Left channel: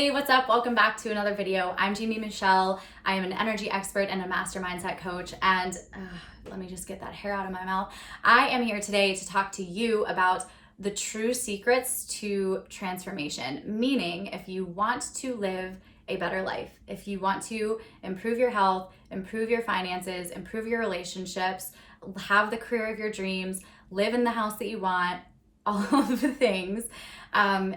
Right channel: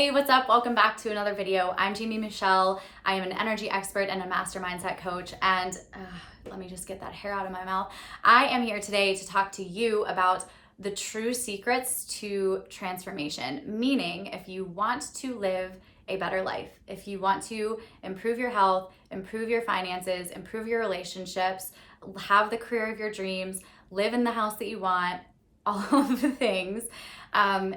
Hey, what's up? Welcome back to another video. I'm Jamie Michelle. I am an energy expert and a master mindset coach. And let me just get that hair out of my mouth. I am here today to talk to you about the true secrets to transformation. Meaning, if you want to live a better life, if you want to improve your health, improve your finances, improve your relationships, have the career of your dreams, live in the house that you want, all of the things,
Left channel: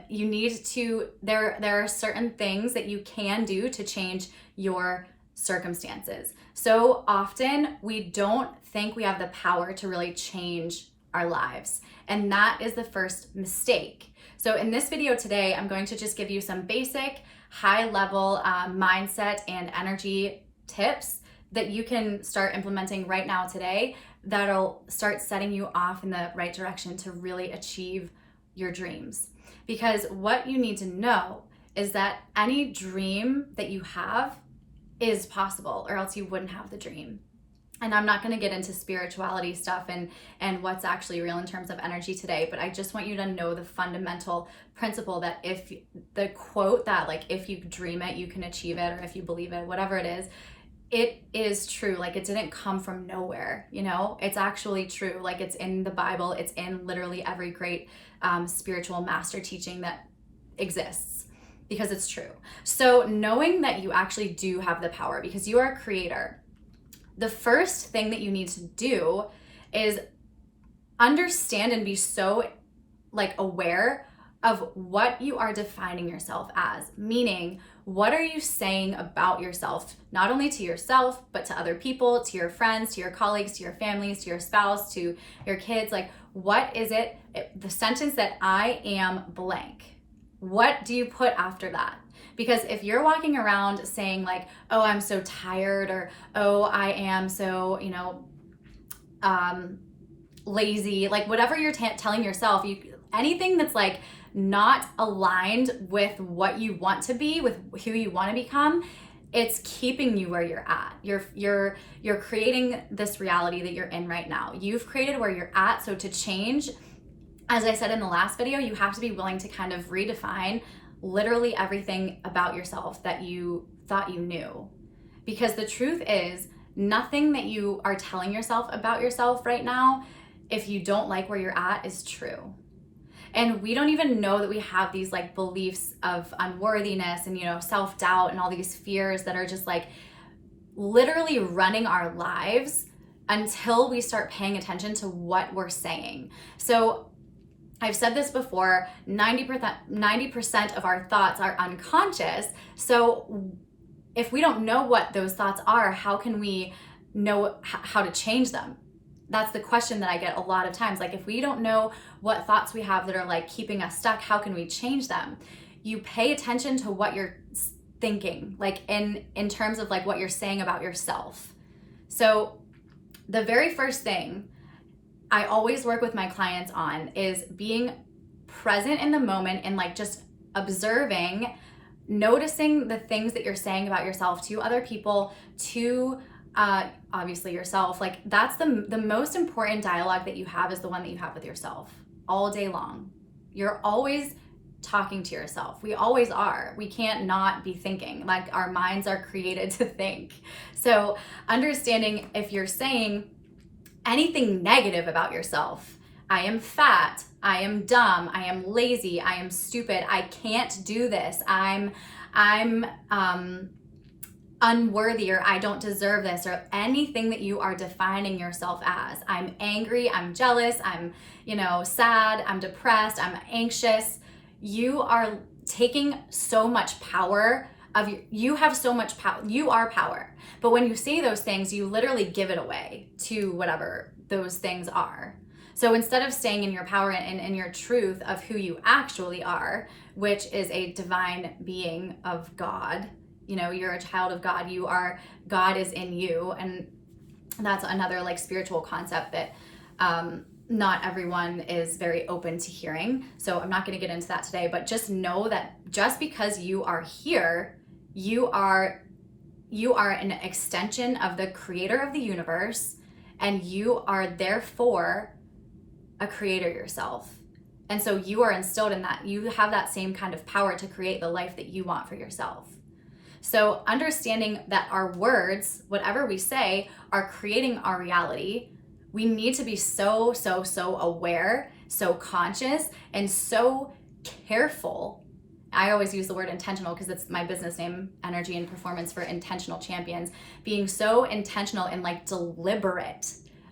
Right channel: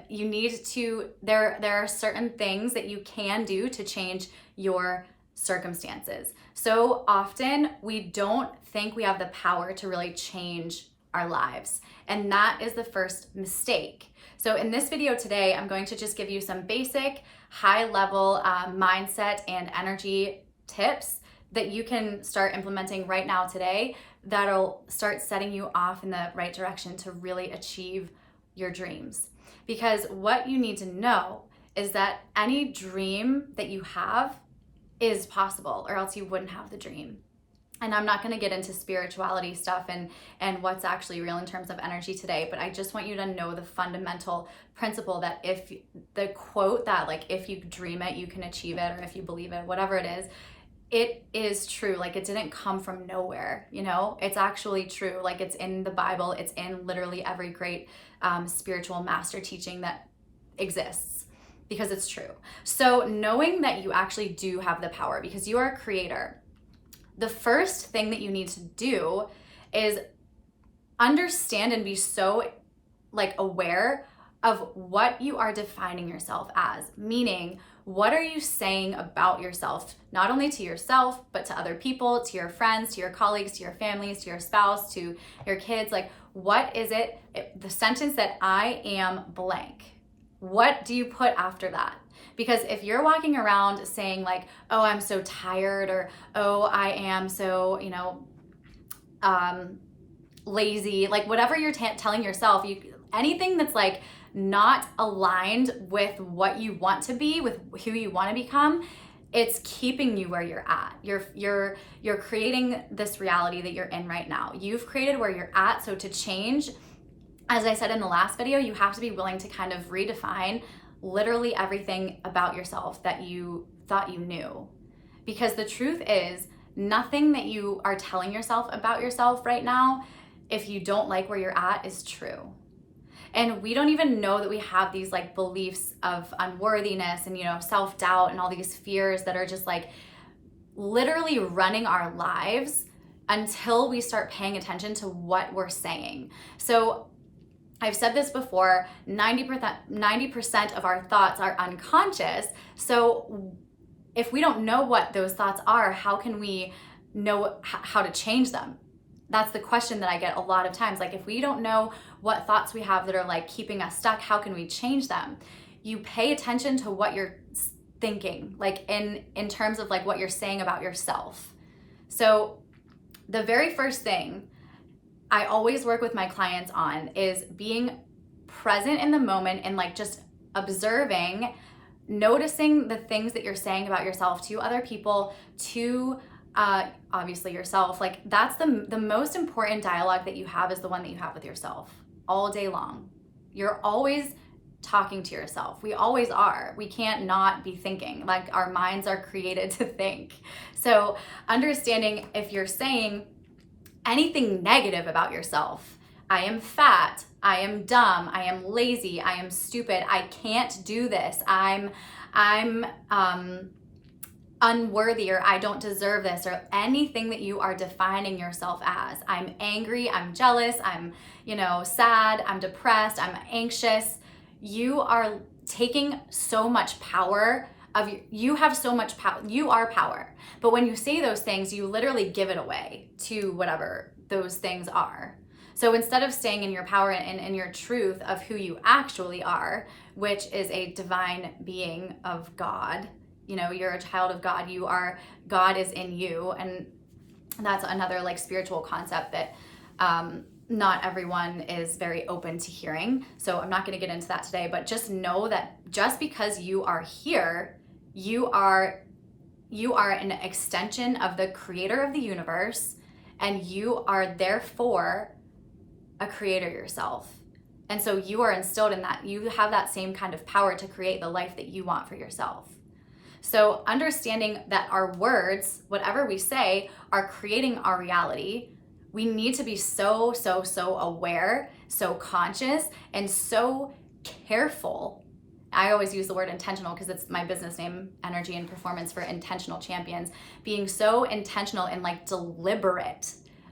you need to, there are certain things that you can do to change your circumstances. So often we don't think we have the power to really change our lives. And that is the first mistake. So in this video today, I'm going to just give you some basic high level mindset and energy tips that you can start implementing right now today that'll start setting you off in the right direction to really achieve your dreams. Because what you need to know is that any dream that you have is possible, or else you wouldn't have the dream. And I'm not going to get into spirituality stuff and what's actually real in terms of energy today, but I just want you to know the fundamental principle that if the quote that like, if you dream it, you can achieve it, or if you believe it, whatever it is true. Like, it didn't come from nowhere, you know, it's actually true. Like, it's in the Bible, it's in literally every great spiritual master teaching that exists, because it's true. So knowing that you actually do have the power because you are a creator, the first thing that you need to do is understand and be so like aware of what you are defining yourself as. Meaning, what are you saying about yourself, not only to yourself, but to other people, to your friends, to your colleagues, to your families, to your spouse, to your kids. Like, what is it, the sentence that I am blank, what do you put after that? Because if you're walking around saying like, oh, I'm so tired, or oh, I am so, you know, lazy, like whatever you're telling yourself, anything that's like not aligned with what you want to be, with who you want to become, it's keeping you where you're at. You're creating this reality that you're in right now. You've created where you're at. So to change, as I said in the last video, you have to be willing to kind of redefine literally everything about yourself that you thought you knew. Because the truth is, nothing that you are telling yourself about yourself right now, if you don't like where you're at, is true. And we don't even know that we have these like beliefs of unworthiness and, you know, self-doubt and all these fears that are just like literally running our lives until we start paying attention to what we're saying. So I've said this before, 90% of our thoughts are unconscious. So if we don't know what those thoughts are, how can we know how to change them? That's the question that I get a lot of times. Like, if we don't know what thoughts we have that are like keeping us stuck, how can we change them? You pay attention to what you're thinking, like in terms of like what you're saying about yourself. So the very first thing I always work with my clients on is being present in the moment and like just observing, noticing the things that you're saying about yourself to other people, to obviously yourself. Like, that's the most important dialogue that you have, is the one that you have with yourself all day long. You're always talking to yourself. We always are. We can't not be thinking. Like, our minds are created to think. So understanding if you're saying anything negative about yourself, I am fat, I am dumb, I am lazy, I am stupid, I can't do this, I'm unworthy, or I don't deserve this, or anything that you are defining yourself as. I'm angry, I'm jealous, I'm, you know, sad, I'm depressed, I'm anxious. You are taking so much power of you have so much power. You are power. But when you say those things, you literally give it away to whatever those things are. So instead of staying in your power and in your truth of who you actually are, which is a divine being of God, you know, you're a child of God, God is in you. And that's another like spiritual concept that not everyone is very open to hearing. So I'm not going to get into that today, but just know that just because you are here, you are an extension of the creator of the universe, and you are therefore a creator yourself. And so you are instilled in that. You have that same kind of power to create the life that you want for yourself. So understanding that our words, whatever we say, are creating our reality, we need to be so aware, so conscious, and so careful. I always use the word intentional because it's my business name, Energy and Performance for Intentional Champions. Being so intentional and like deliberate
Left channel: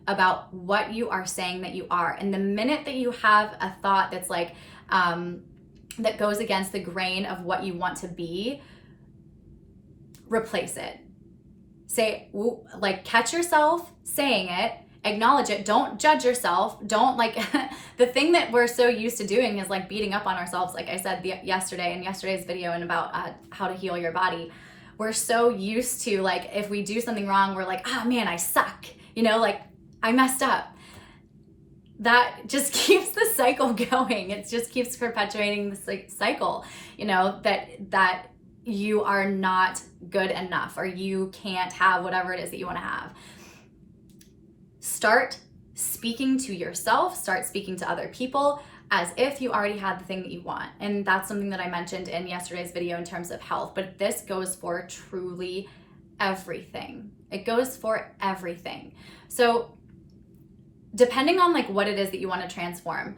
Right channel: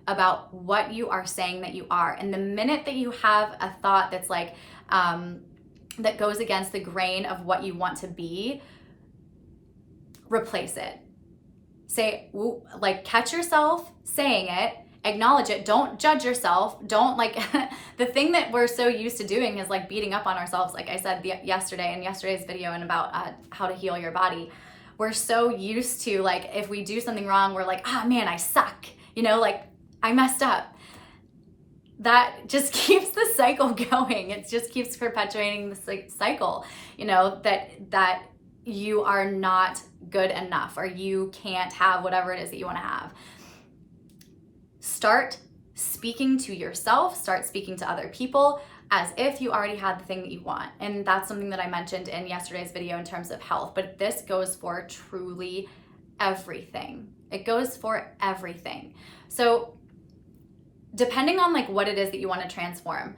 about what you are saying that you are. And the minute that you have a thought that's like, that goes against the grain of what you want to be, replace it. Say, like, catch yourself saying it, acknowledge it, don't judge yourself, don't like, the thing that we're so used to doing is like beating up on ourselves, like I said yesterday in yesterday's video and about how to heal your body. We're so used to like, if we do something wrong, we're like, oh man, I suck, you know, like I messed up. That just keeps the cycle going. It just keeps perpetuating this like cycle, you know, that you are not good enough or you can't have whatever it is that you want to have. Start speaking to yourself, start speaking to other people as if you already had the thing that you want. And that's something that I mentioned in yesterday's video in terms of health, but this goes for truly everything. It goes for everything. So depending on like what it is that you want to transform,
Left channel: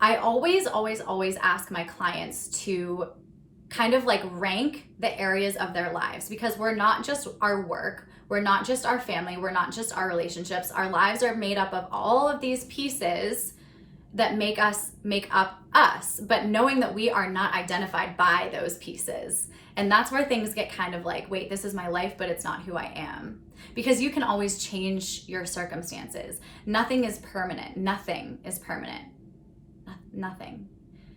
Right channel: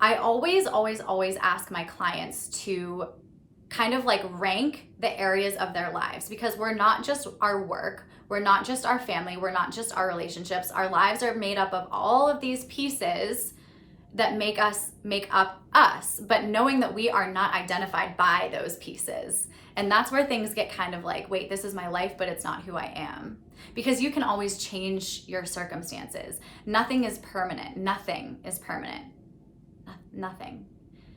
I always ask my clients to kind of like rank the areas of their lives, because we're not just our work, we're not just our family, we're not just our relationships. Our lives are made up of all of these pieces that make up us, but knowing that we are not identified by those pieces. And that's where things get kind of like, wait, this is my life, but it's not who I am. Because you can always change your circumstances. Nothing is permanent. Nothing is permanent. Nothing.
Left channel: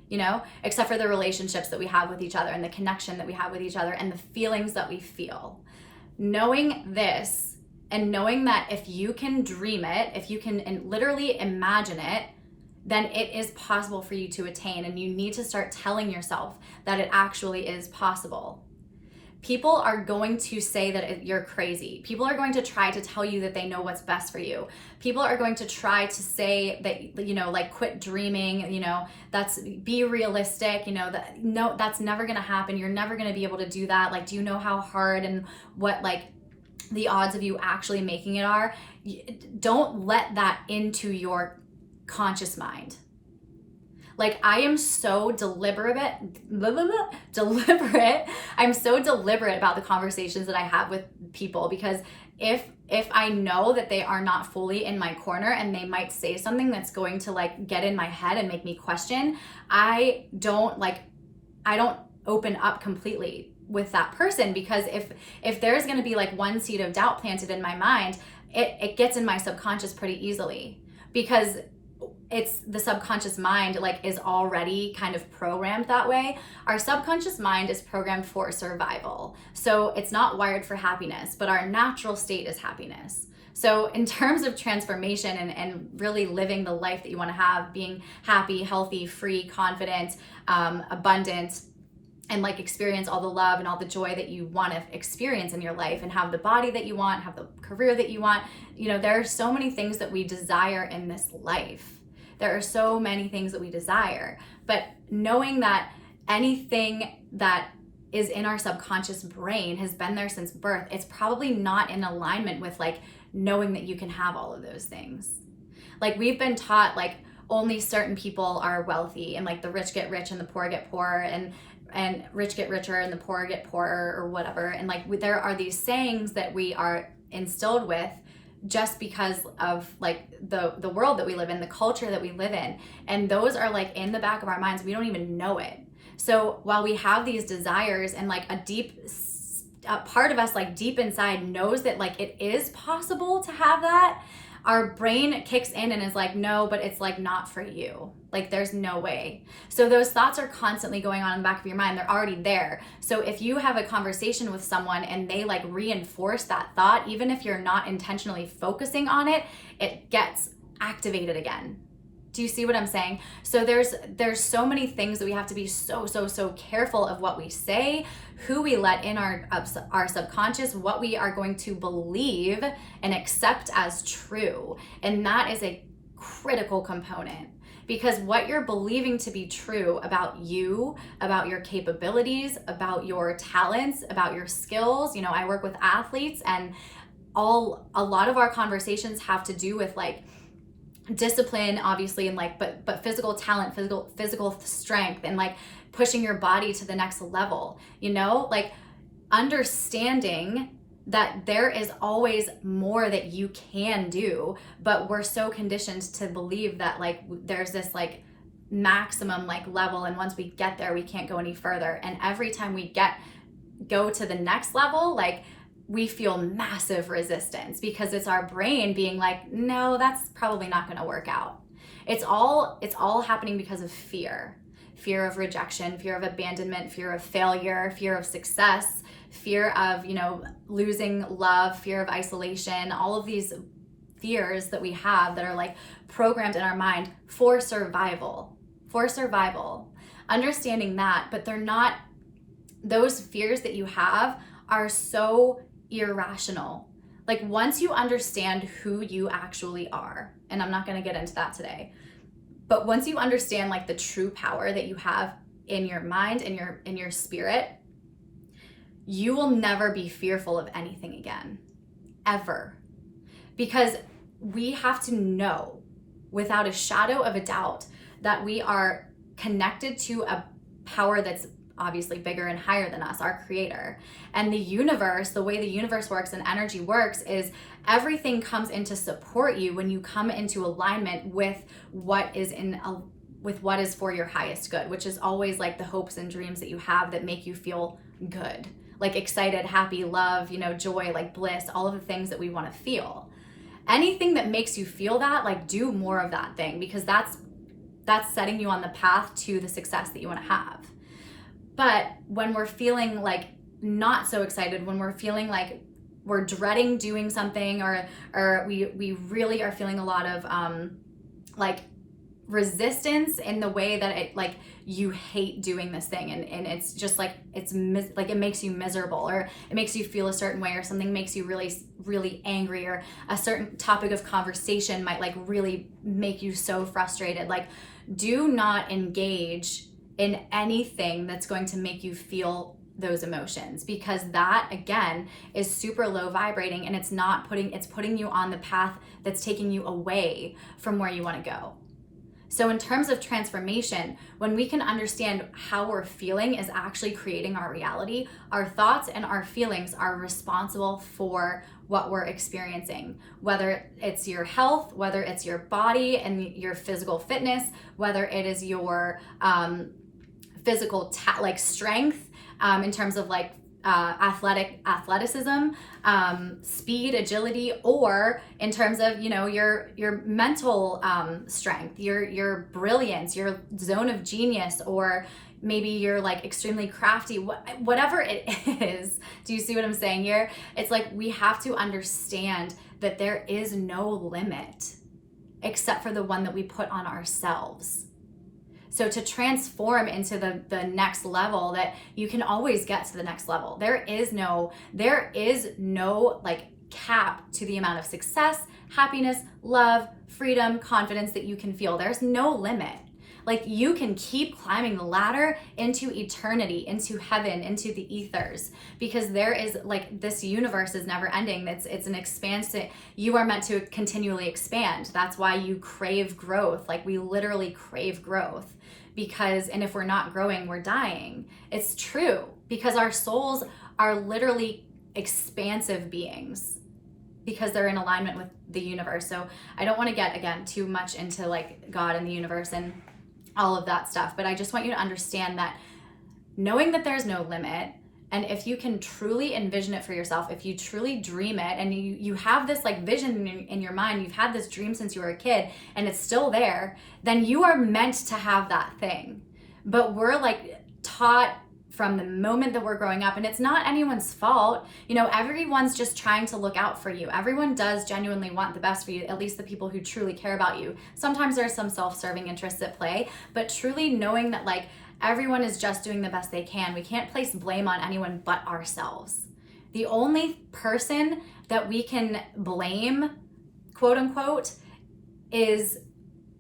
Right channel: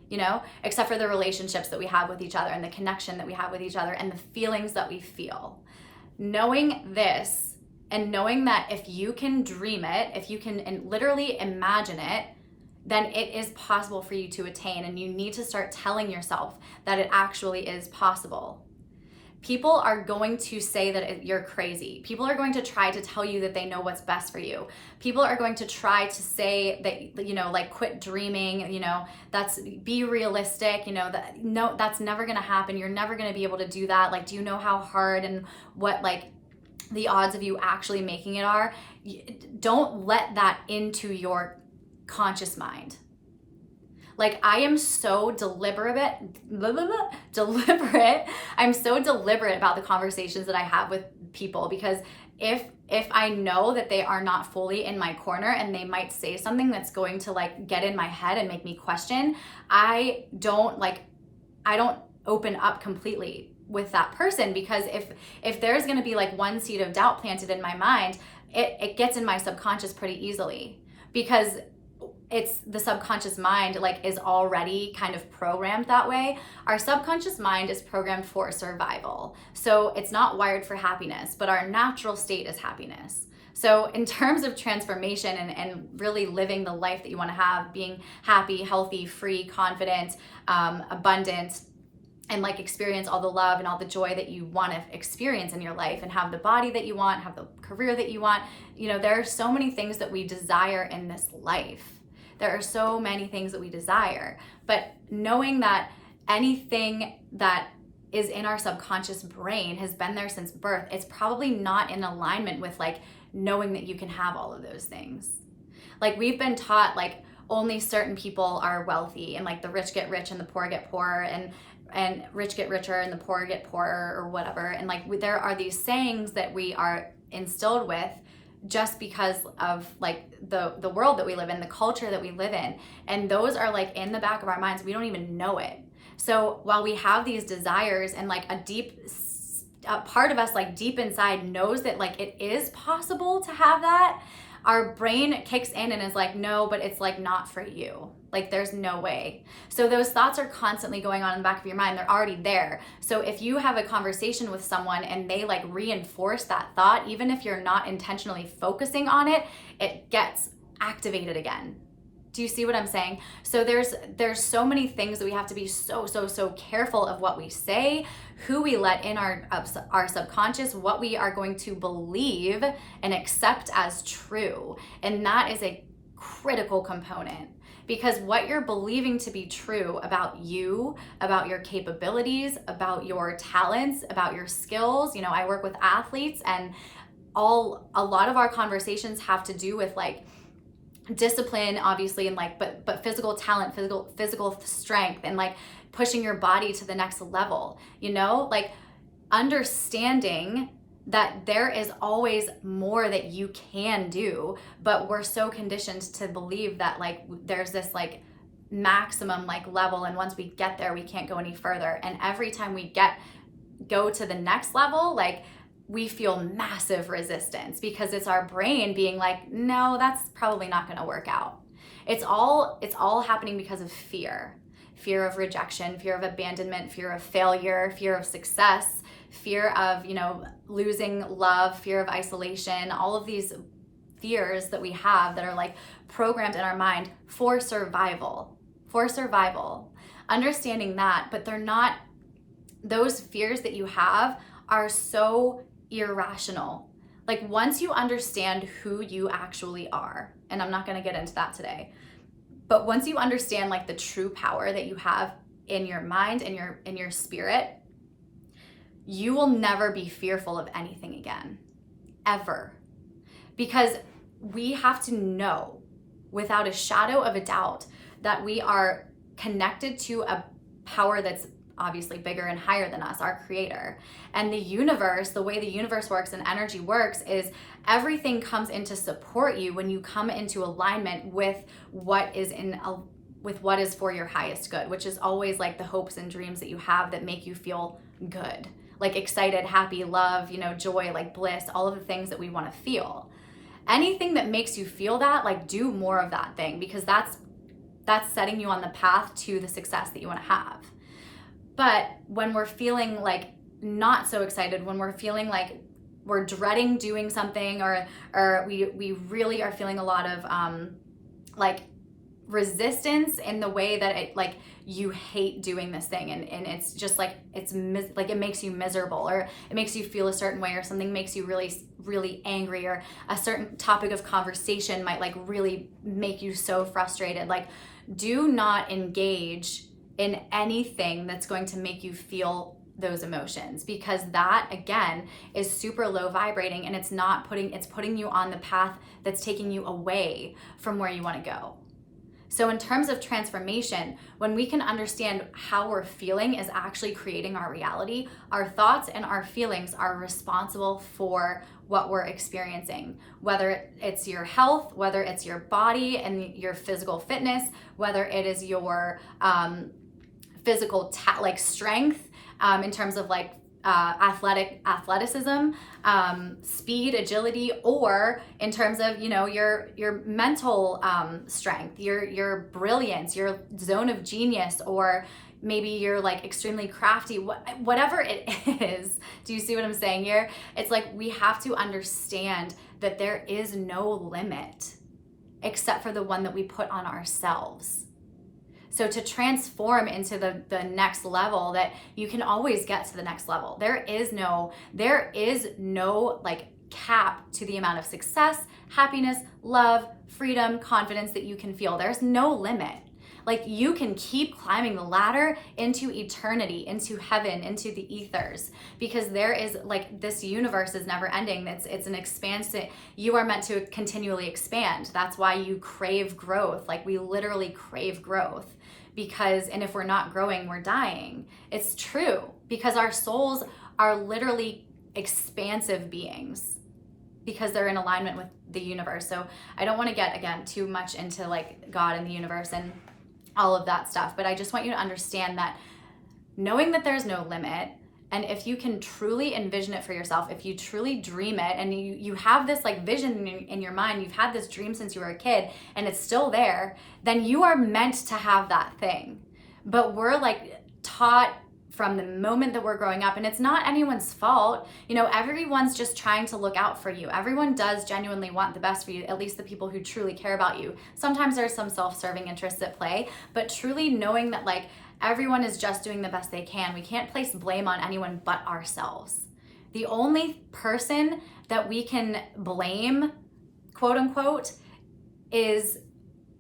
You know, except for the relationships that we have with each other and the connection that we have with each other and the feelings that we feel. Knowing this and knowing that if you can dream it, if you can literally imagine it, then it is possible for you to attain, and you need to start telling yourself that it actually is possible. People are going to say that you're crazy. People are going to try to tell you that they know what's best for you. People are going to try to say that, you know, like quit dreaming, you know, be realistic, you know, no, that's never going to happen. You're never going to be able to do that. Like, do you know how hard and what like the odds of you actually making it are? Don't let that into your conscious mind. Like, I am so deliberate. I'm so deliberate about the conversations that I have with people, because if I know that they are not fully in my corner and they might say something that's going to like get in my head and make me question, I don't open up completely with that person, because if there's going to be like one seed of doubt planted in my mind, it gets in my subconscious pretty easily, because it's the subconscious mind like is already kind of programmed that way. Our subconscious mind is programmed for survival. So it's not wired for happiness, but our natural state is happiness. So in terms of transformation and really living the life that you want to have, being happy, healthy, free, confident, abundant, and like experience all the love and all the joy that you want to experience in your life, and have the body that you want, have the career that you want. You know, there are so many things that we desire in this life. There are so many things that we desire, but knowing that anything that is in our subconscious brain has been there since birth, it's probably not in alignment with like knowing that you can have all of those things. Like, we've been taught like only certain people are wealthy, and like the rich get rich and the poor get poor, and rich get richer and the poor get poorer, or whatever. And like there are these sayings that we are instilled with just because of like the world that we live in, the culture that we live in. And those are like in the back of our minds. We don't even know it. So while we have these desires, and like a part of us like deep inside knows that like it is possible to have that, our brain kicks in and is like, no, but it's like not for you. Like, there's no way. So those thoughts are constantly going on in the back of your mind. They're already there. So if you have a conversation with someone and they like reinforce that thought, even if you're not intentionally focusing on it, it gets activated again. Do you see what I'm saying? So there's so many things that we have to be so careful of what we say, who we let in our subconscious, what we are going to believe and accept as true. And that is a critical component, Because what you're believing to be true about you, about your capabilities, about your talents, about your skills. I work with athletes, and a lot of our conversations have to do with like discipline, obviously, and like but physical talent, physical strength, and like pushing your body to the next level, like understanding that there is always more that you can do, but we're so conditioned to believe that like there's this like maximum like level, and once we get there we can't go any further. And every time we go to the next level, like we feel massive resistance, because it's our brain being like, no, that's probably not going to work out. It's all happening because of fear of rejection, fear of abandonment, fear of failure, fear of success, fear of, losing love, fear of isolation, all of these fears that we have that are like programmed in our mind for survival. Understanding that, but they're not, those fears that you have are so irrational. Like once you understand who you actually are, and I'm not going to get into that today, but once you understand like the true power that you have in your mind, in your spirit, you will never be fearful of anything again, ever. Because we have to know without a shadow of a doubt that we are connected to a power that's obviously bigger and higher than us, our creator. And the universe, the way the universe works and energy works, is everything comes in to support you when you come into alignment with what is for your highest good, which is always like the hopes and dreams that you have that make you feel good, like excited, happy, love, joy, like bliss, all of the things that we want to feel. Anything that makes you feel that, like do more of that thing, because that's setting you on the path to the success that you want to have. But when we're feeling like not so excited, when we're feeling like we're dreading doing something, or we really are feeling a lot of like resistance in the way that it like you hate doing this thing, and it's just like it makes you miserable, or it makes you feel a certain way, or something makes you really really angry, or a certain topic of conversation might like really make you so frustrated. Like do not engage in anything that's going to make you feel those emotions, because that again is super low vibrating, and it's putting you on the path that's taking you away from where you want to go. So in terms of transformation, when we can understand how we're feeling is actually creating our reality, our thoughts and our feelings are responsible for what we're experiencing, whether it's your health, whether it's your body and your physical fitness, whether it is your physical like strength, in terms of like athleticism, speed, agility, or in terms of your mental strength, your brilliance, your zone of genius, or maybe you're like extremely crafty, whatever it is. Do you see what I'm saying here? It's like we have to understand that there is no limit except for the one that we put on ourselves. So to transform into the next level, that you can always get to the next level. There is no like cap to the amount of success, happiness, love, freedom, confidence that you can feel. There's no limit. Like you can keep climbing the ladder into eternity, into heaven, into the ethers, because there is like this universe is never ending. It's an expansive, you are meant to continually expand. That's why you crave growth. Like we literally crave growth. And if we're not growing, we're dying. It's true, because our souls are literally expansive beings because they're in alignment with the universe. So I don't want to get, again, too much into like God and the universe and all of that stuff, but I just want you to understand that knowing that there's no limit, and if you can truly envision it for yourself, if you truly dream it, and you have this like vision in your mind, you've had this dream since you were a kid and it's still there, then you are meant to have that thing. But we're like taught from the moment that we're growing up, and it's not anyone's fault. Everyone's just trying to look out for you. Everyone does genuinely want the best for you, at least the people who truly care about you. Sometimes there's some self-serving interests at play, but truly knowing that like everyone is just doing the best they can. We can't place blame on anyone but ourselves. The only person that we can blame, quote unquote, is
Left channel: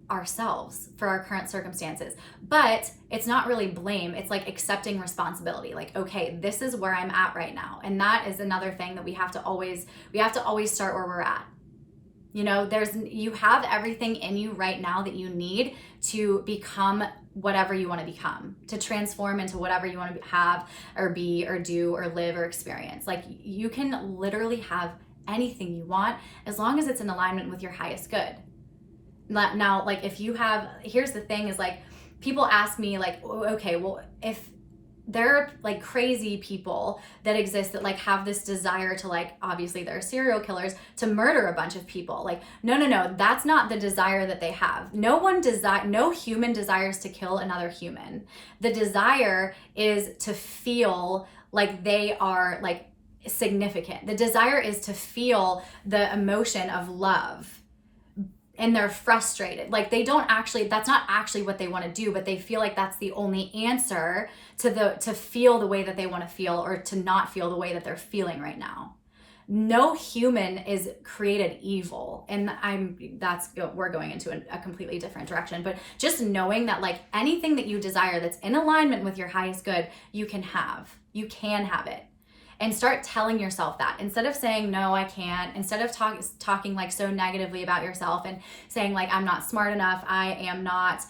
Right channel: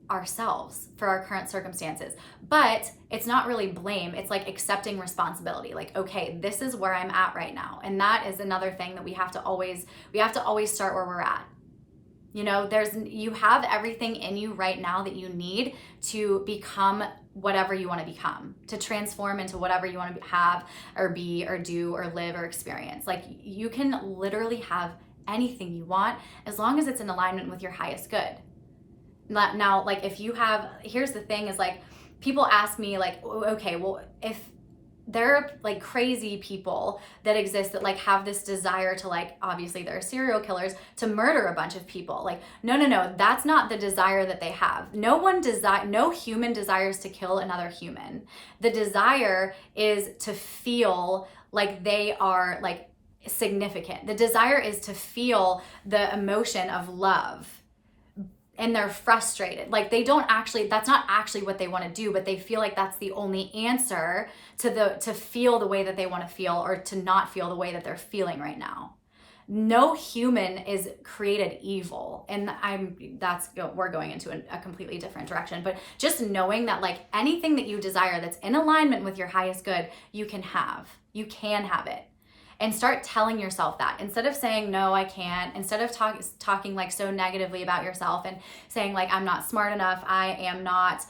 ourselves for our current circumstances. But it's not really blame. It's like accepting responsibility. Like, okay, this is where I'm at right now. And that is another thing that we have to always start where we're at. You know, you have everything in you right now that you need to become whatever you want to become, to transform into whatever you want to have or be or do or live or experience. Like, you can literally have anything you want as long as it's in alignment with your highest good. Now, like, here's the thing is, like, people ask me, like, okay, well, if there are like crazy people that exist that like have this desire to, like, obviously they're serial killers, to murder a bunch of people. Like, no, that's not the desire that they have. No human desires to kill another human. The desire is to feel like they are like significant. The desire is to feel the emotion of love. And they're frustrated. Like, that's not actually what they want to do, but they feel like that's the only answer to feel the way that they want to feel, or to not feel the way that they're feeling right now. No human is created evil. And we're going into a completely different direction, but just knowing that, like, anything that you desire that's in alignment with your highest good, you can have it. And start telling yourself that, instead of saying, no, I can't, instead of talking like so negatively about yourself and saying, like, I'm not smart enough, I am not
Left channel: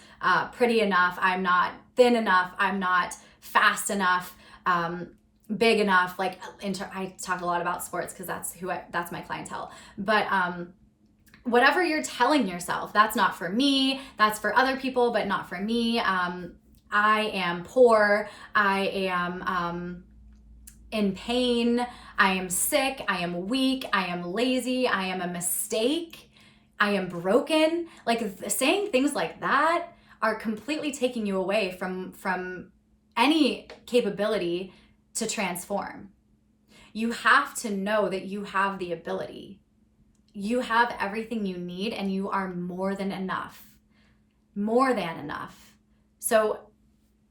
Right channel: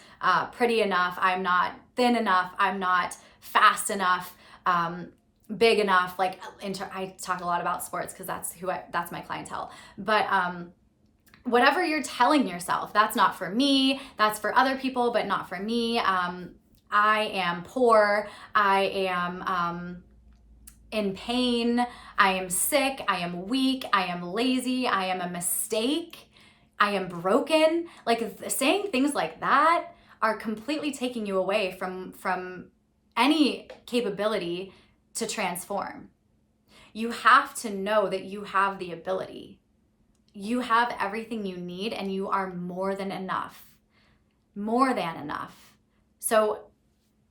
pretty enough, I'm not thin enough, I'm not fast enough, big enough. Like, I talk a lot about sports because that's my clientele. But whatever you're telling yourself, that's not for me, that's for other people, but not for me. I am poor, I am in pain, I am sick, I am weak, I am lazy, I am a mistake, I am broken. Like, saying things like that are completely taking you away from any capability to transform. You have to know that you have the ability. You have everything you need, and you are more than enough. More than enough. So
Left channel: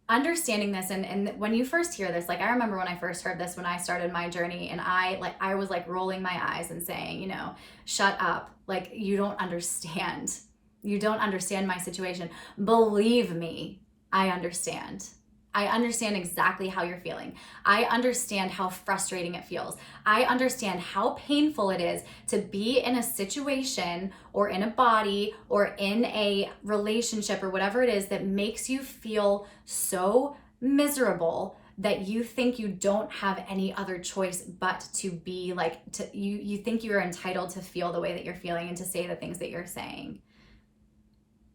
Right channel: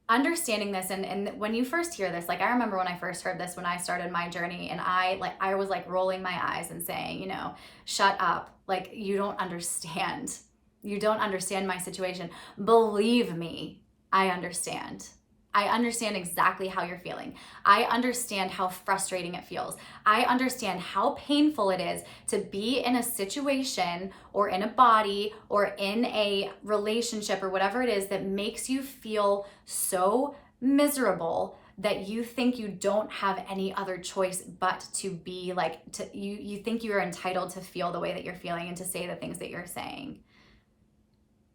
understanding this, and when you first hear this, like, I remember when I first heard this, when I started my journey, and I was like rolling my eyes and saying, you know, shut up. Like, you don't understand. You don't understand my situation. Believe me, I understand. I understand exactly how you're feeling. I understand how frustrating it feels. I understand how painful it is to be in a situation or in a body or in a relationship or whatever it is that makes you feel so miserable that you think you don't have any other choice but to be like, you think you are entitled to feel the way that you're feeling and to say the things that you're saying.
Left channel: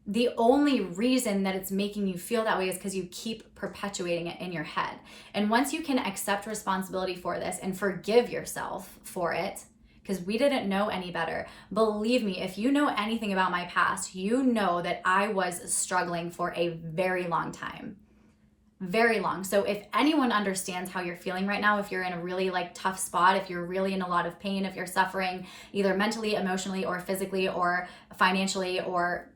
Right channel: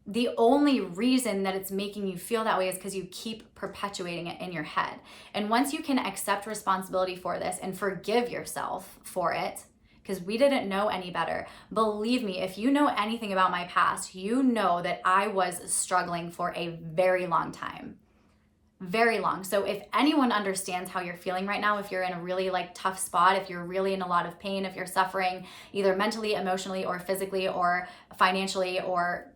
The only reason that it's making you feel that way is because you keep perpetuating it in your head. And once you can accept responsibility for this and forgive yourself for it, because we didn't know any better. Believe me, if you know anything about my past, you know that I was struggling for a very long time. Very long. So if anyone understands how you're feeling right now, if you're in a really like tough spot, if you're really in a lot of pain, if you're suffering either mentally, emotionally, or physically, or financially, or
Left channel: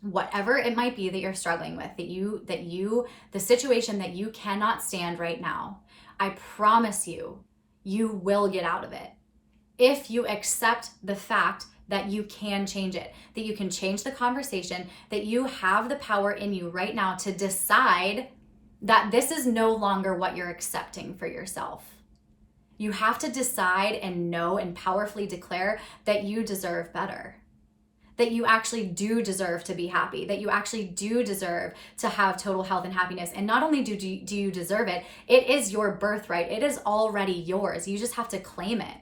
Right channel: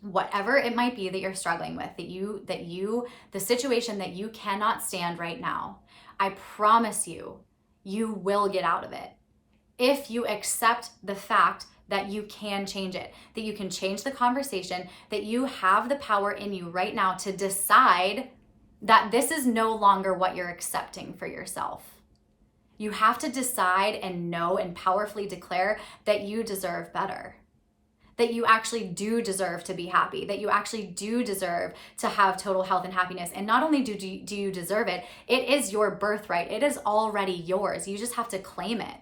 whatever it might be that you're struggling with, the situation that you cannot stand right now, I promise you, you will get out of it. If you accept the fact that you can change it, that you can change the conversation, that you have the power in you right now to decide that this is no longer what you're accepting for yourself. You have to decide and know and powerfully declare that you deserve better. That you actually do deserve to be happy, that you actually do deserve to have total health and happiness. And not only do you deserve it, it is your birthright. It is already yours. You just have to claim it.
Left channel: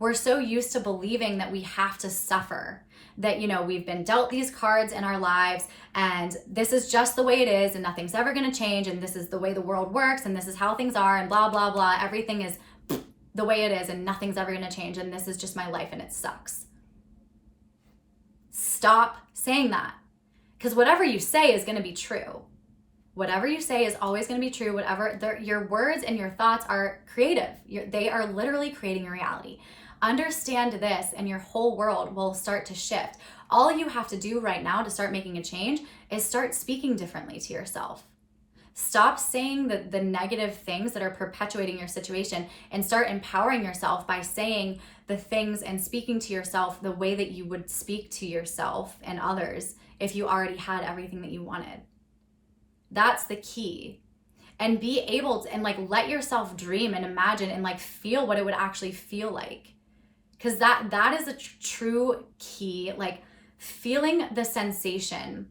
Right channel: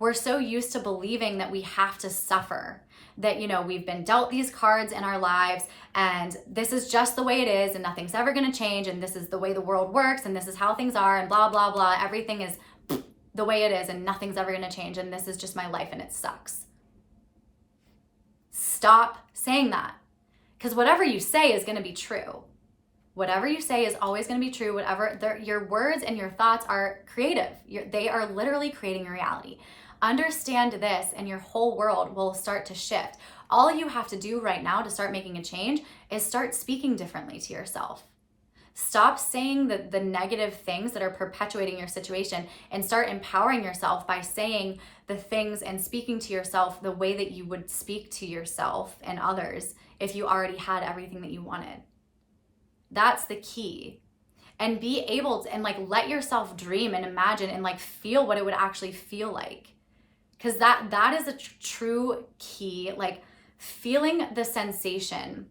We're so used to believing that we have to suffer, that, you know, we've been dealt these cards in our lives and this is just the way it is and nothing's ever going to change and this is the way the world works and this is how things are and blah, blah, blah. Everything is the way it is and nothing's ever going to change and this is just my life and it sucks. Stop saying that, because whatever you say is going to be true. Whatever you say is always going to be true. Your words and your thoughts are creative. They are literally creating your reality. Understand this and your whole world will start to shift. All you have to do right now to start making a change is start speaking differently to yourself. Stop saying the negative things that are perpetuating your situation and start empowering yourself by saying the things and speaking to yourself the way that you would speak to yourself and others if you already had everything that you wanted? That's the key. And be able to, and like, let yourself dream and imagine and like feel what it would actually feel like. Because that is a true key, like feeling the sensation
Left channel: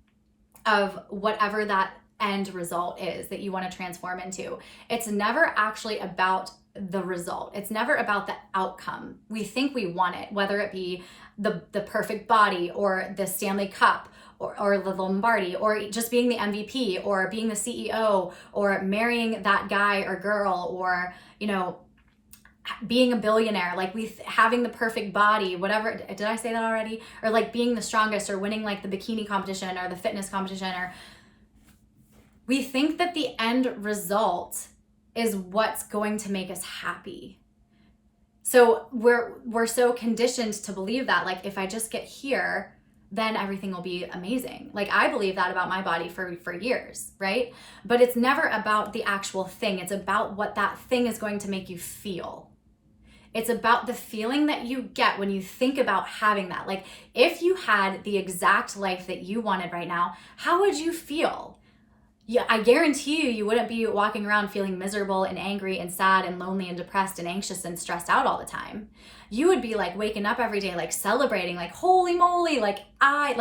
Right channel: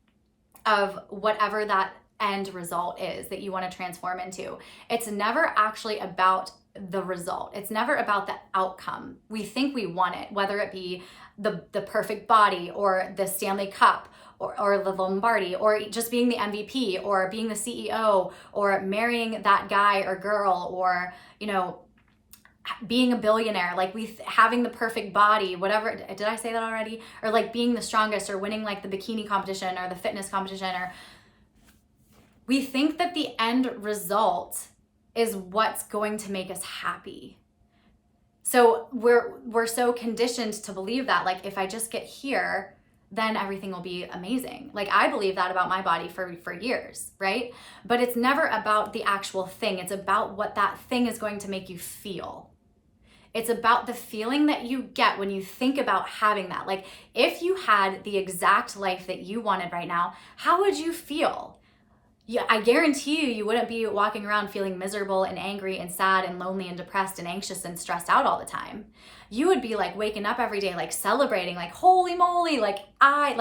of whatever that end result is that you want to transform into. It's never actually about the result. It's never about the outcome. We think we want it, whether it be the perfect body or the Stanley Cup or the Lombardi, or just being the MVP, or being the CEO, or marrying that guy or girl, or, you know, being a billionaire, like having the perfect body, whatever. Did I say that already? Or like being the strongest, or winning like the bikini competition or the fitness competition, or we think that the end result is what's going to make us happy. So we're so conditioned to believe that, like, if I just get here, then everything will be amazing. Like, I believe that about my body for years, right? But it's never about the actual thing. It's about what that thing is going to make you feel. It's about the feeling that you get when you think about having that. Like, if you had the exact life that you wanted right now, how would you feel? Yeah, I guarantee you wouldn't be walking around feeling miserable and angry and sad and lonely and depressed and anxious and stressed out all the time. You would be like waking up every day, like celebrating, like, holy moly, like I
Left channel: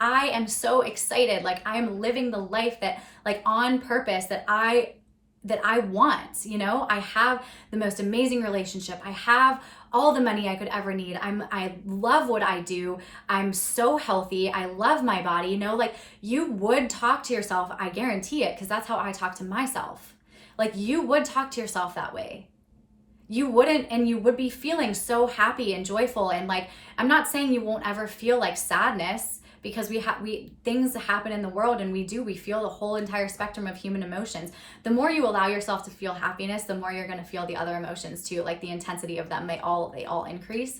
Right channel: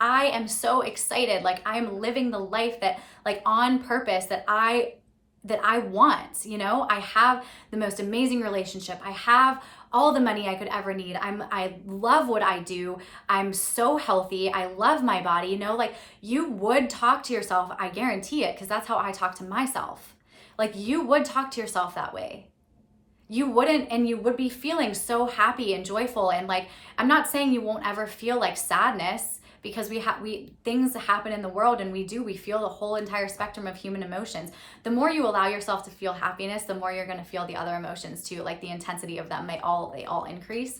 am so excited. Like, I'm living the life that, like, on purpose, that I want, you know. I have the most amazing relationship. I have all the money I could ever need. I love what I do. I'm so healthy. I love my body, you know. Like, you would talk to yourself, I guarantee it, because that's how I talk to myself. Like, you would talk to yourself that way. You wouldn't, and you would be feeling so happy and joyful. And like, I'm not saying you won't ever feel like sadness, because things happen in the world, and we feel the whole entire spectrum of human emotions. The more you allow yourself to feel happiness, the more you're going to feel the other emotions too. Like, the intensity of them, they all increase.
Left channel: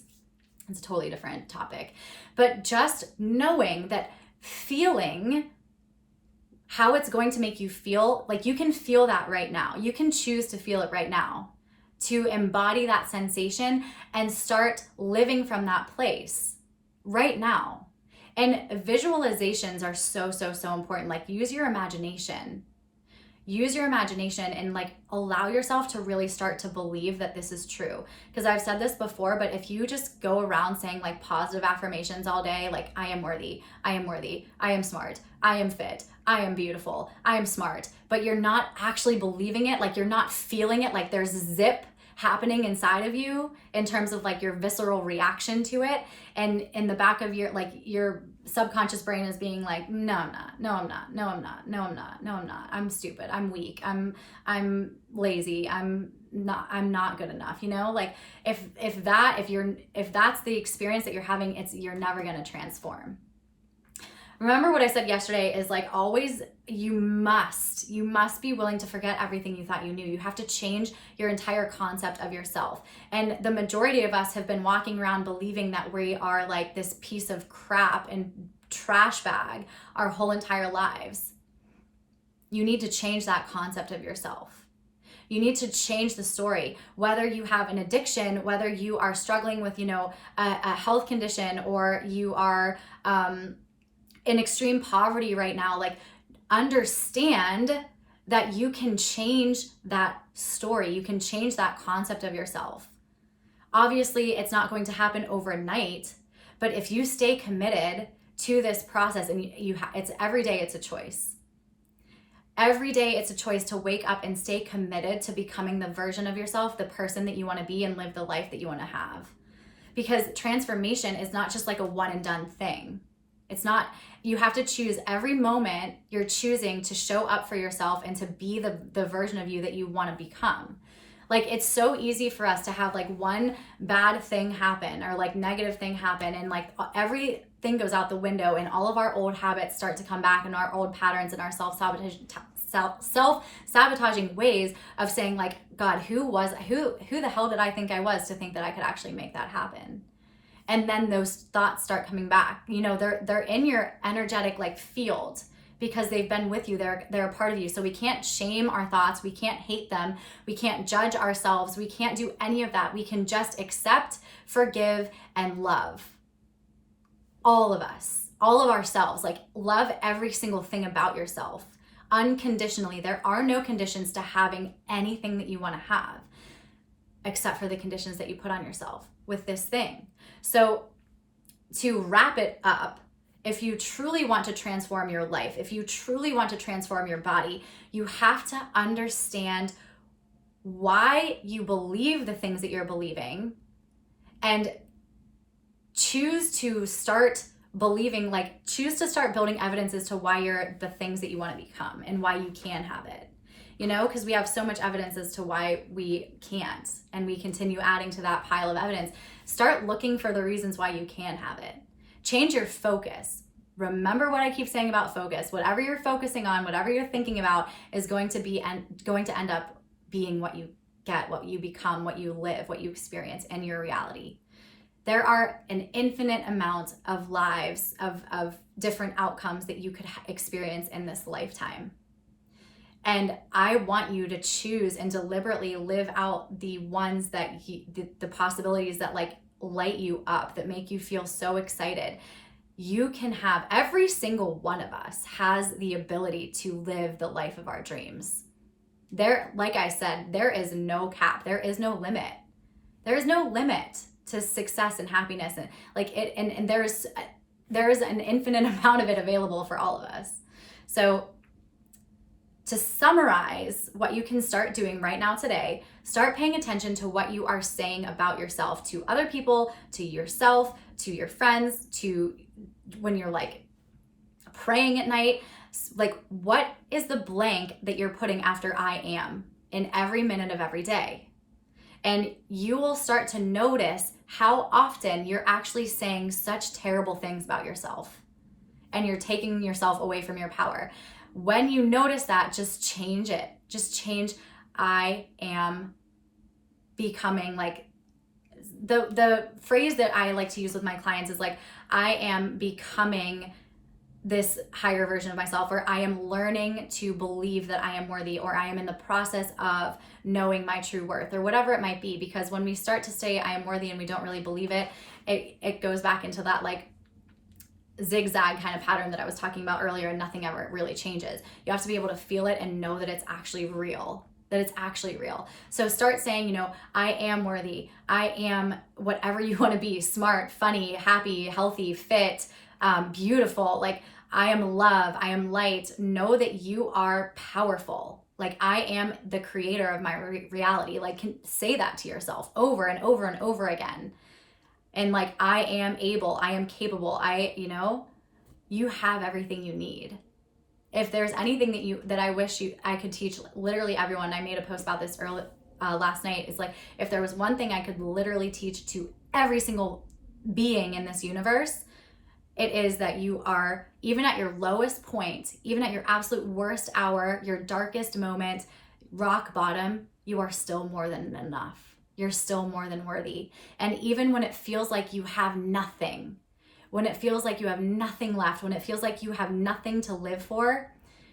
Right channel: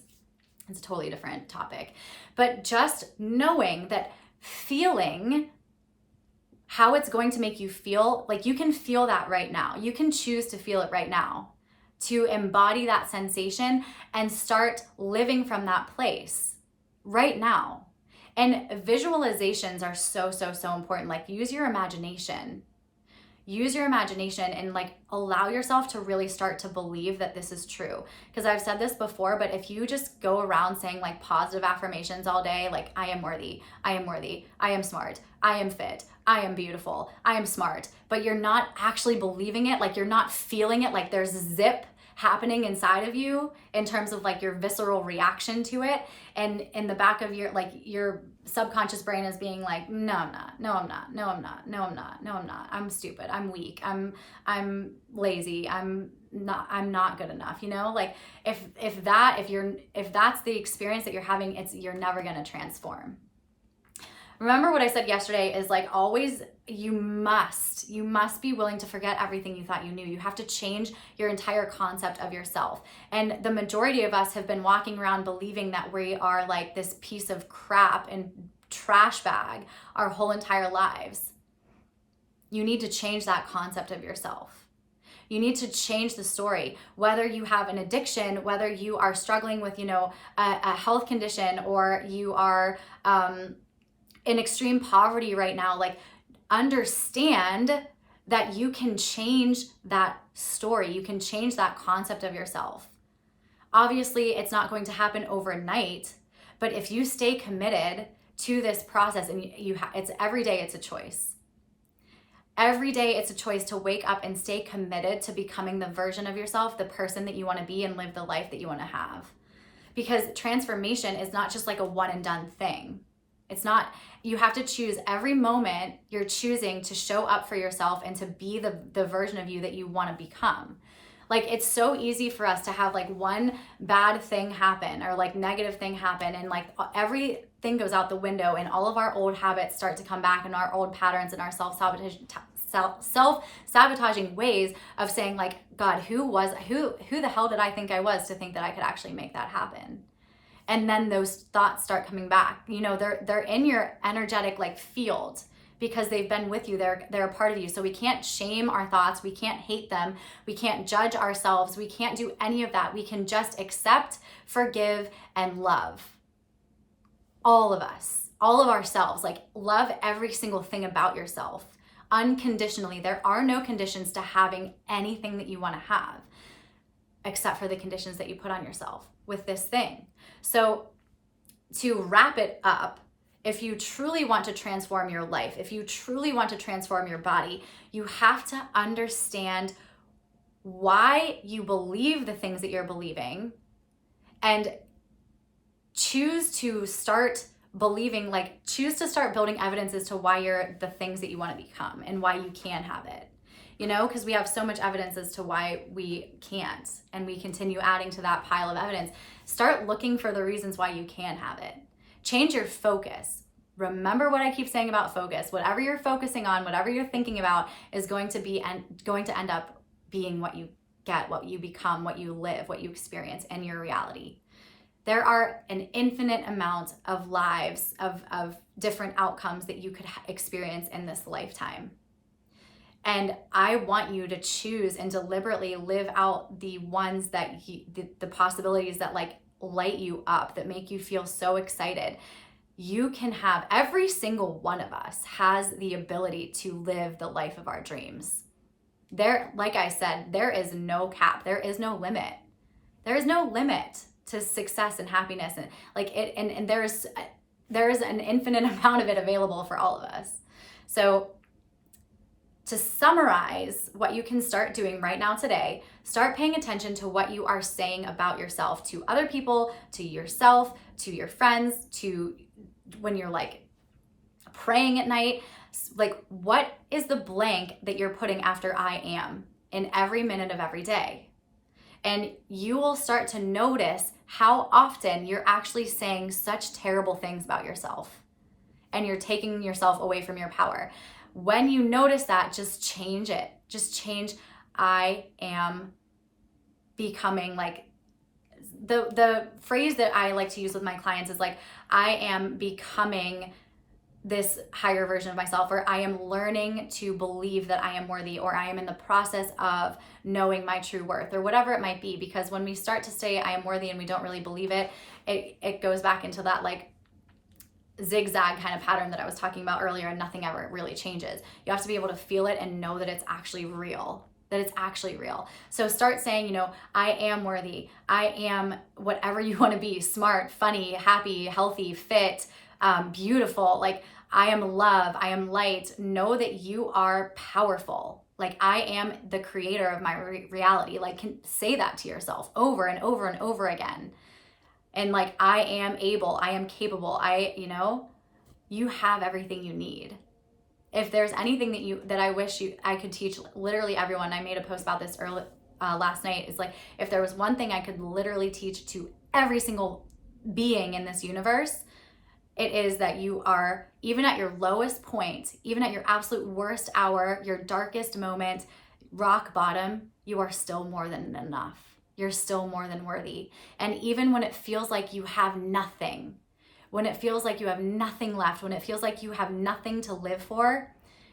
It's a totally different topic. But just knowing that, feeling how it's going to make you feel, like, you can feel that right now. You can choose to feel it right now, to embody that sensation and start living from that place right now. And visualizations are so important. Like, use your imagination. Use your imagination and like allow yourself to really start to believe that this is true. Because I've said this before, but if you just go around saying like positive affirmations all day, like, I am worthy, I am worthy, I am smart, I am fit, I am beautiful, I am smart, but you're not actually believing it, like, you're not feeling it, like there's zip happening inside of you in terms of like your visceral reaction to it, and in the back of your, like, your subconscious brain is being like, no, I'm not, no, I'm not, no, I'm not, no, I'm not, no, I'm not, I'm stupid, I'm weak, I'm lazy, I'm not good enough, you know. Like, if that's the experience that you're having, you're never going to transform. Remember what I said yesterday is, like, always, you must be willing to forget everything you thought you knew. You have to change your entire concept of yourself. And the majority of us have been walking around believing that we are like this piece of crap and trash bag our whole entire lives. You need to change that concept of yourself. You need to change the story. Whether you have an addiction, whether you are struggling with, you know, a health condition, or you are in extreme poverty right now, like, understand that you can change that story. You can change that concept of yourself. Obviously, it's not going to happen overnight, but if you stay committed to this process, and it's every day, it's a choice. Every day it's a choice to wake up and stay committed to becoming the version of yourself, the person that you want to be, and live the life that you want to have. Because transformation is not just like a one and done thing. It's not, you have to choose every moment. You're choosing to show up for yourself and to be the version of you that you want to become. Like, it's so easy for us to have like one bad thing happen, or like negative thing happen, and like everything goes out the window, and all of our old habits start to come back, and our old patterns and our self-sabotaging ways of saying like, God, who the hell did I think I was to think that I could actually make that happen? And then those thoughts start coming back. You know, they're in your energetic like field, because they've been with you. They're a part of you. So we can't shame our thoughts. We can't hate them. We can't judge ourselves. We can't do any of that. We can just accept, forgive, and love. All of us. all of ourselves. Like, love every single thing about yourself unconditionally. There are no conditions to having anything that you want to have, except for the conditions that you put on yourself with this thing. So to wrap it up, if you truly want to transform your life, if you truly want to transform your body, you have to understand why you believe the things that you're believing and choose to start believing, like choose to start building evidence as to why you're the things that you want to become and why you can have it. You know, because we have so much evidence as to why we can't, and we continue adding to that pile of evidence. Start looking for the reasons why you can have it. Change your focus. Remember what I keep saying about focus. Whatever you're focusing on, whatever you're thinking about is going to end up being what you get, what you become, what you live, what you experience in your reality. There are an infinite amount of lives, of different outcomes that you could experience in this lifetime. And I want you to choose and deliberately live out the ones that the possibilities that like light you up, that make you feel so excited. You can have, every single one of us has the ability to live the life of our dreams. There, like I said, there is no cap. There is no limit. There is no limit to success and happiness, and like it, and there is an infinite amount of it available for all of us. So to summarize what you can start doing right now today, start paying attention to what you are saying about yourself to other people, to yourself, to your friends, to when you're like praying at night. Like, what is the blank that you're putting after I am in every minute of every day? And you will start to notice how often you're actually saying such terrible things about yourself and you're taking yourself away from your power. When you notice that, just change it. Just change, I am becoming, like, the phrase that I like to use with my clients is like, I am becoming this higher version of myself, or I am learning to believe that I am worthy, or I am in the process of knowing my true worth, or whatever it might be. Because when we start to say I am worthy and we don't really believe it, it goes back into that like zigzag kind of pattern that I was talking about earlier, and nothing ever really changes. You have to be able to feel it and know that it's actually real, So start saying, you know, I am worthy. I am whatever you want to be: smart, funny, happy, healthy, fit, beautiful. Like, I am love. I am light. Know that you are powerful. Like, I am the creator of my reality. Like, say that to yourself over and over and over again. And like, I am able, I am capable. You have everything you need. If there's anything that I wish I could teach literally everyone, I made a post about this last night, is like, if there was one thing I could literally teach to every single being in this universe, it is that you are, even at your lowest point, even at your absolute worst hour, your darkest moment, rock bottom, you are still more than enough. You're still more than worthy. And even when it feels like you have nothing, when it feels like you have nothing left, when it feels like you have nothing to live for,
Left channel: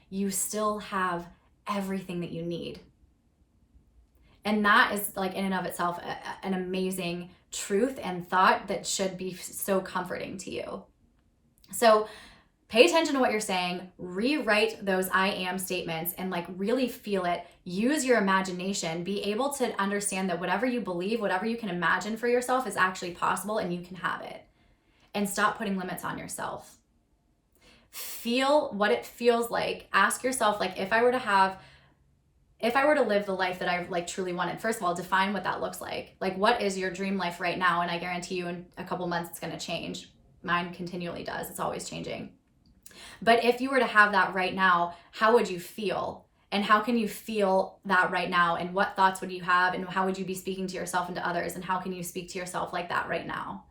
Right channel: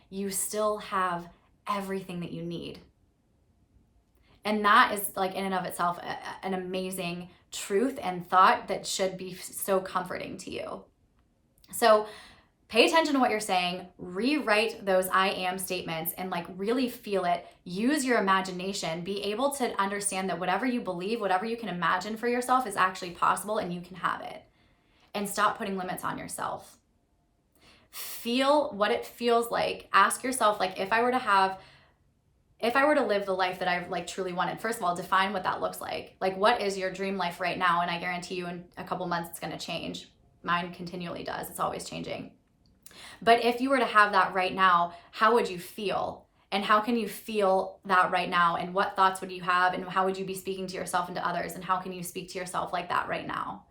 you still have everything that you need. And that is, like, in and of itself, an amazing truth and thought that should be so comforting to you. So pay attention to what you're saying, rewrite those I am statements, and like really feel it. Use your imagination, be able to understand that whatever you believe, whatever you can imagine for yourself is actually possible, and you can have it. And stop putting limits on yourself. Feel what it feels like. Ask yourself, like, if I were to live the life that I like truly wanted, first of all, define what that looks like. Like, what is your dream life right now? And I guarantee you in a couple months it's going to change. Mine continually does. It's always changing. But if you were to have that right now, how would you feel? And how can you feel that right now? And what thoughts would you have? And how would you be speaking to yourself and to others? And how can you speak to yourself like that right now?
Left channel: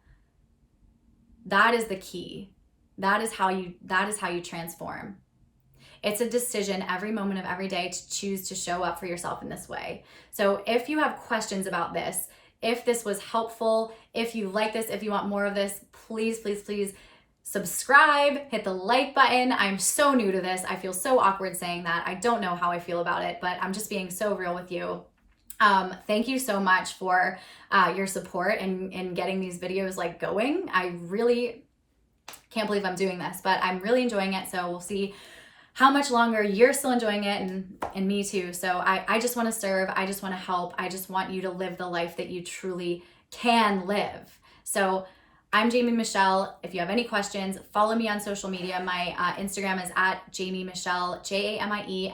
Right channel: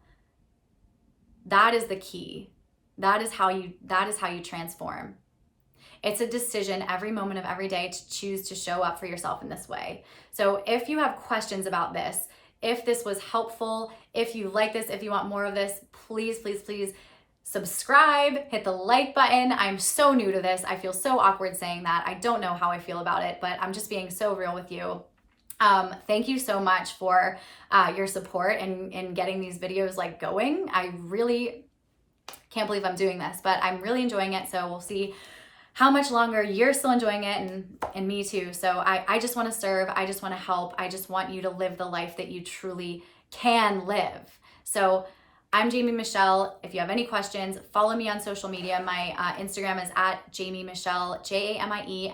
That is the key. That is how you transform. It's a decision every moment of every day to choose to show up for yourself in this way. So if you have questions about this, if this was helpful, if you like this, if you want more of this, please, please, please subscribe, hit the like button. I'm so new to this. I feel so awkward saying that. I don't know how I feel about it, but I'm just being so real with you. Thank you so much for your support and getting these videos like going. I really can't believe I'm doing this, but I'm really enjoying it. So we'll see how much longer you're still enjoying it, and me too. So I just want to serve. I just want to help. I just want you to live the life that you truly can live. So I'm Jamie Michelle. If you have any questions, follow me on social media. My Instagram is at Jamie Michelle, JAMIE,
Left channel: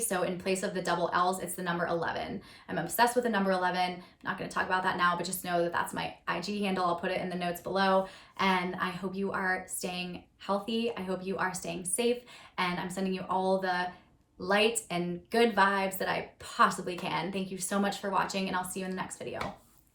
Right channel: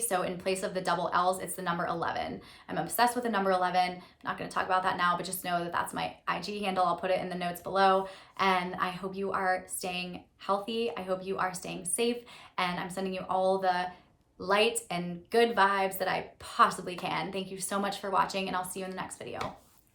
So in place of the double L's, it's the number 11. I'm obsessed with the number 11. I'm not going to talk about that now, but just know that that's my IG handle. I'll put it in the notes below. And I hope you are staying healthy. I hope you are staying safe. And I'm sending you all the light and good vibes that I possibly can. Thank you so much for watching, and I'll see you in the next video.